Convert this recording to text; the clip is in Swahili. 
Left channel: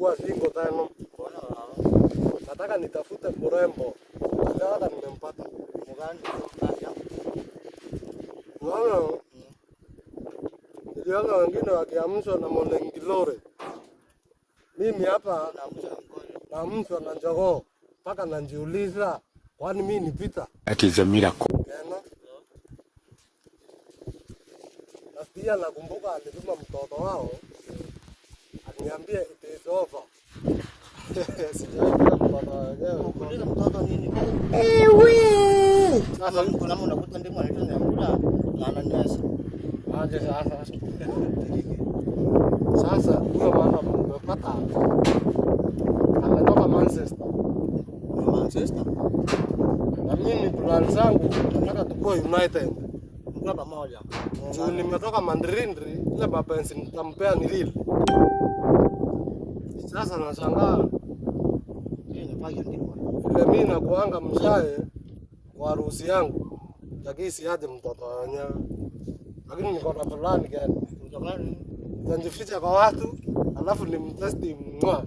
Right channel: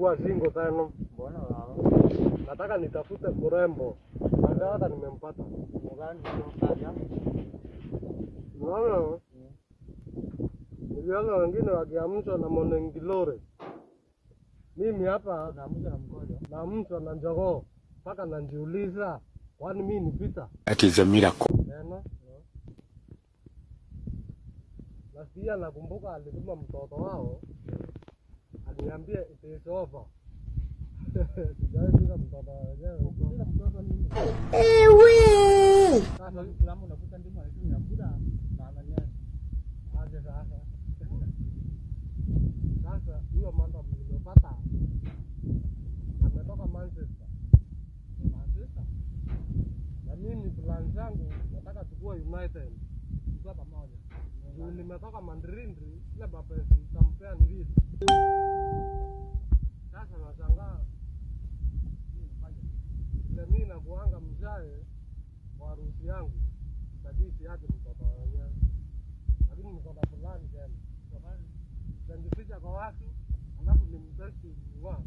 chukua singo tano. Nataka nitafute mrembo. Nataka nimempata. Mgani nimempata? Naona niliona wengine wakiamshwa na monengilore. Mimi hapa naamshwa na njogoo. Mpaka najiuliza kwani mimi ni Peter? That is a miracle. Na pia nakumbuka alituma mtoto wao aniambie it is over. Sijajua mtoto nini? Sasa kuna mtu unakuta ndimo anaitwa Nyambura na ananyesha. Aje sasa huyo mwana mmepata ametoka Manchester. Na mimi plan zangu nataka tukue United. Kwa pamoja. Juu nimetoka Mandrindri, ile mapenzi nitampea ni lile. Sasa nashangaa vile mimi nakuanga mshae kwa harusi yangu. Lakini siaje mtoto wenyewe. Lakini niko na plan gani? Mtokani Nitajificha kwa watu, alafu nimtesti mwa.